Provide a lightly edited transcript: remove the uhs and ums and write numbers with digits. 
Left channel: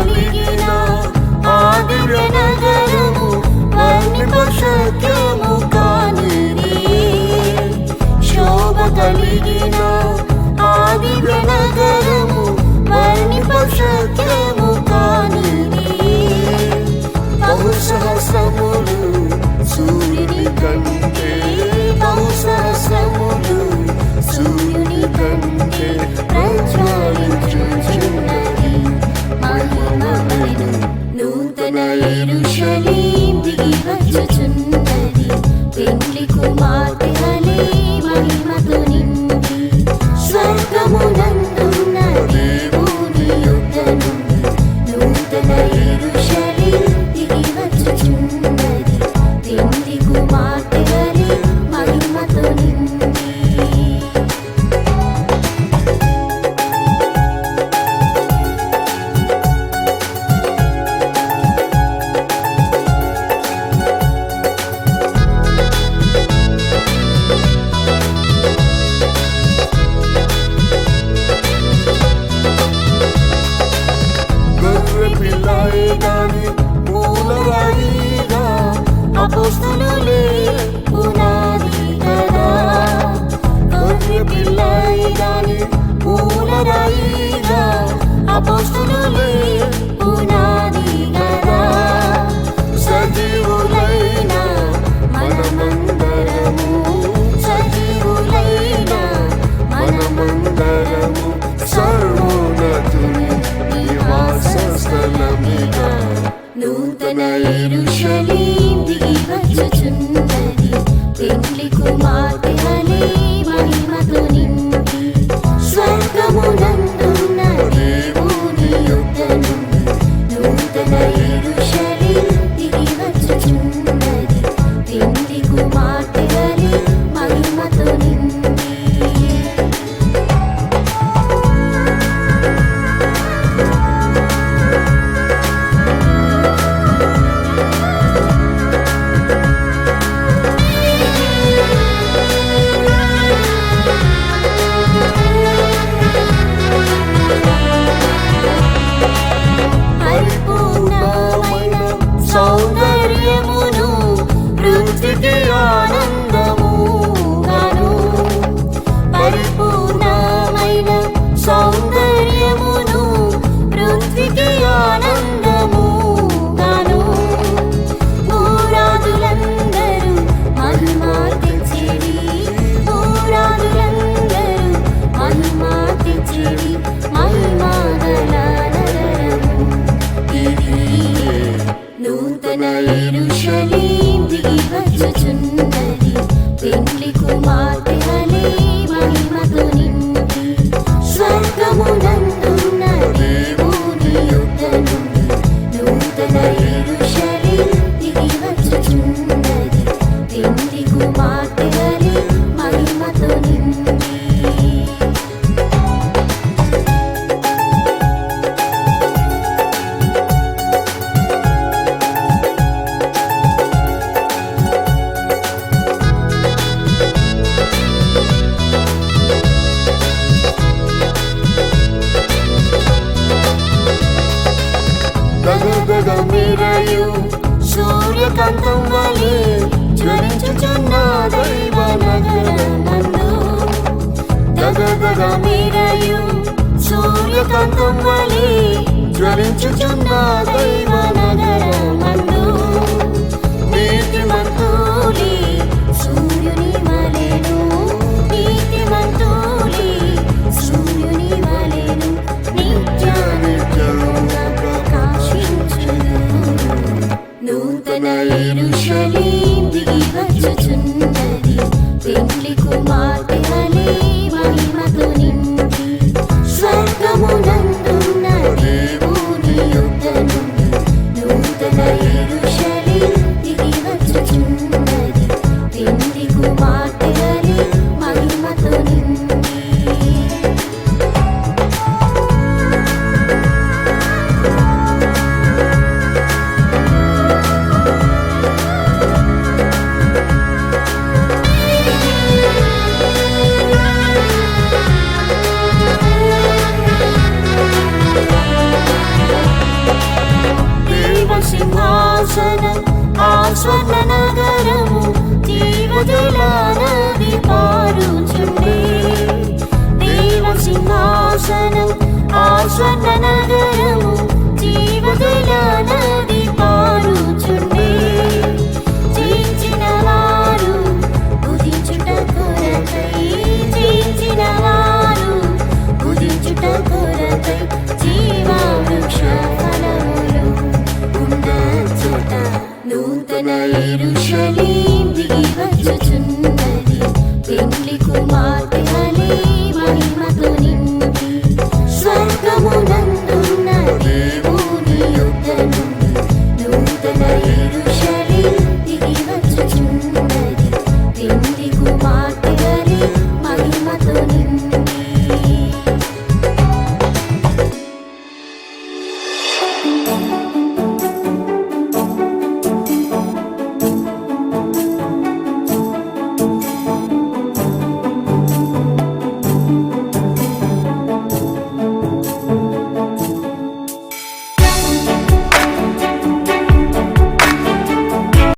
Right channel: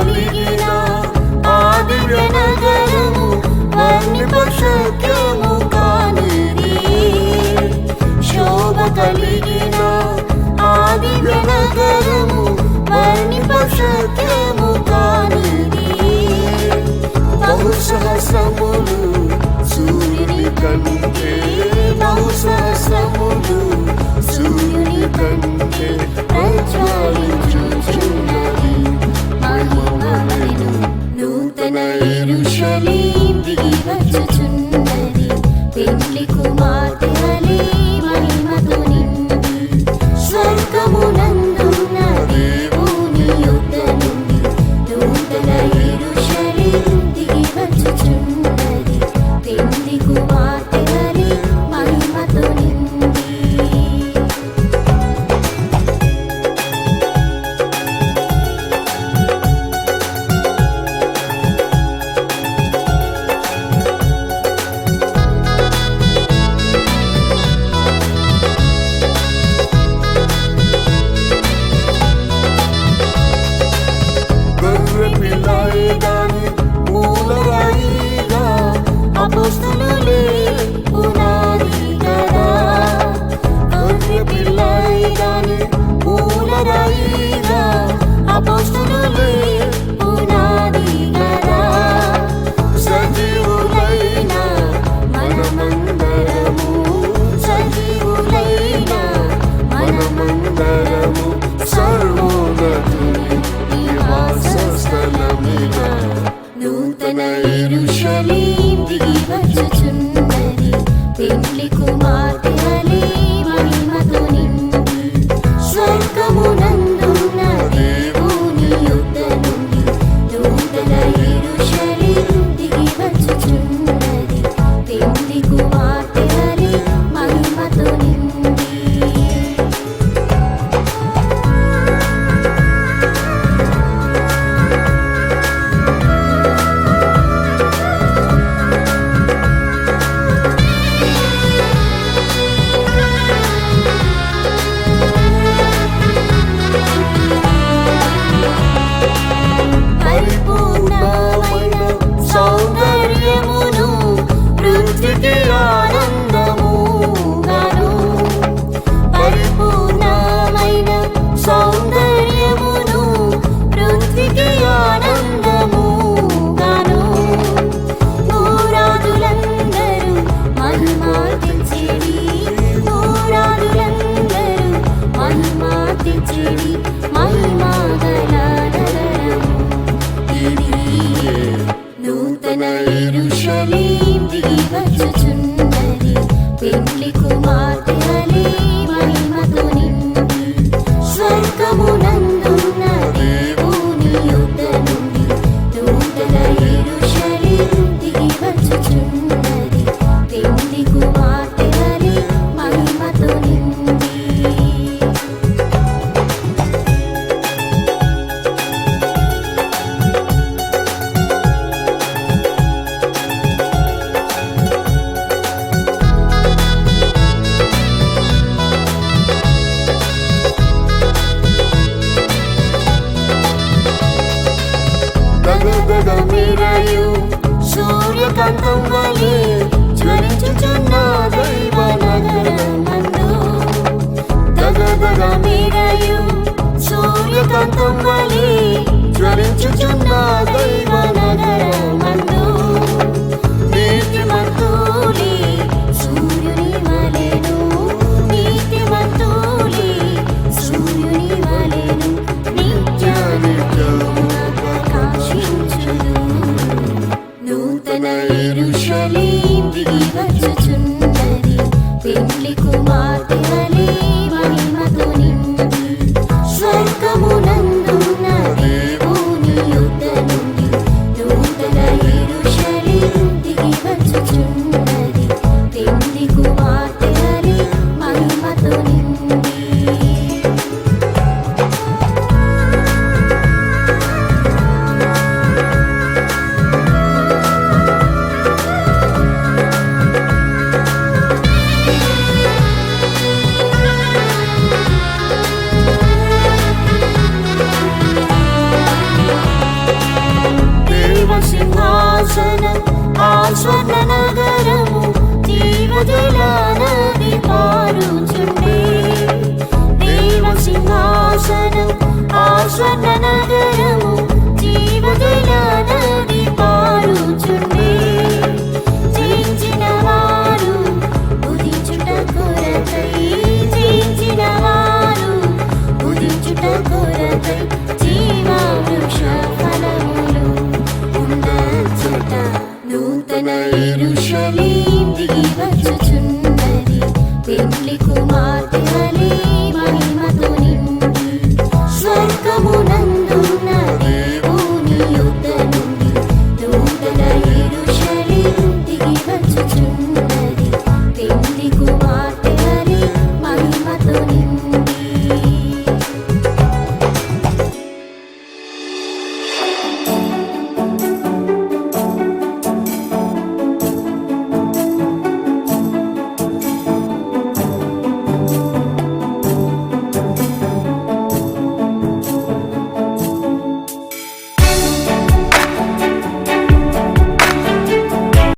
కలిగిన ఆ దివ్య నగరము వర్ణిపశక్యము కానిది. శోభ కలిగిన ఆ దివ్య నగరము వర్ణిపశక్యము కానిది. బహుసహస్రములు సూర్యుని కంటే, బహుసహస్రములు సూర్యుని కంటే ప్రజ్వలించుచున్నది మహిమమయు నూతన యెరూషలేము దిగి వచ్చుచున్నది. పెండ్లి కుమార్తె వలె మహిమతో నిండి స్వర్గమునందున్న దేవుని యొద్ద నుండి నూతన యెరూషలేము దిగి వచ్చుచున్నది. పెండ్లి కుమార్తె వలె మహిమతో నిండి. గొర్రె పిల్లయే గాని మూలరాయిగా, అపోస్తలులే పునాది కదా. గొర్రె పిల్లయే గాని మూలరాయిగా, అపోస్తలులే పునాది కదా. సజీవులైన మనమందరము, సజీవులైన మనమందరము సర్వోన్నతుని నివాస స్థలమిగా నూతన యెరూషలేము దిగి వచ్చుచున్నది. పెండ్లి కుమార్తె వలె మహిమతో నిండి స్వర్గమునందున్న దేవుని యొద్ద నుండి నూతన యెరూషలేము దిగి వచ్చుచున్నది. పెండ్లి కుమార్తె వలె మహిమతో నిండి. పరిపూర్ణమైన సౌందర్యమును పృథ్వీకి ఆనందముగాను, పరిపూర్ణమైన సౌందర్యమును పృథ్వీకి ఆనందముగాను. పూరాదులందరూ మహిమార్తించిరి, పూరాదులందరూ మహిమార్తించిరి మహిమగల నగరము ఇదియే. నూతన యెరూషలేము దిగి వచ్చుచున్నది. పెండ్లి కుమార్తె వలె మహిమతో నిండి స్వర్గమునందున్న దేవుని యొద్ద నుండి నూతన యెరూషలేము దిగి వచ్చుచున్నది. పెండ్లి కుమార్తె వలె మహిమతో నిండి. దగదగ మెరయు సూర్యకాంతం వలె జ్వలించుచున్న దైవ నగరమందు, దగదగ మెరయు సూర్యకాంతం వలె జ్వలించుచున్న దైవ నగరమందు. నీతిమంతులే సూర్యుని వలెను, నీతిమంతులే సూర్యుని వలెను నిత్యానిత్యముగా ప్రకాశించును. నూతన యెరూషలేము దిగి వచ్చుచున్నది. పెండ్లి కుమార్తె వలె మహిమతో నిండి స్వర్గమునందున్న దేవుని యొద్ద నుండి నూతన యెరూషలేము దిగి వచ్చుచున్నది. సింహాసనం ఆ స్వర్ణ నగరము జీవజల నది పారుచుండే దేవ సింహాసనం ఆ స్వర్ణ నగరము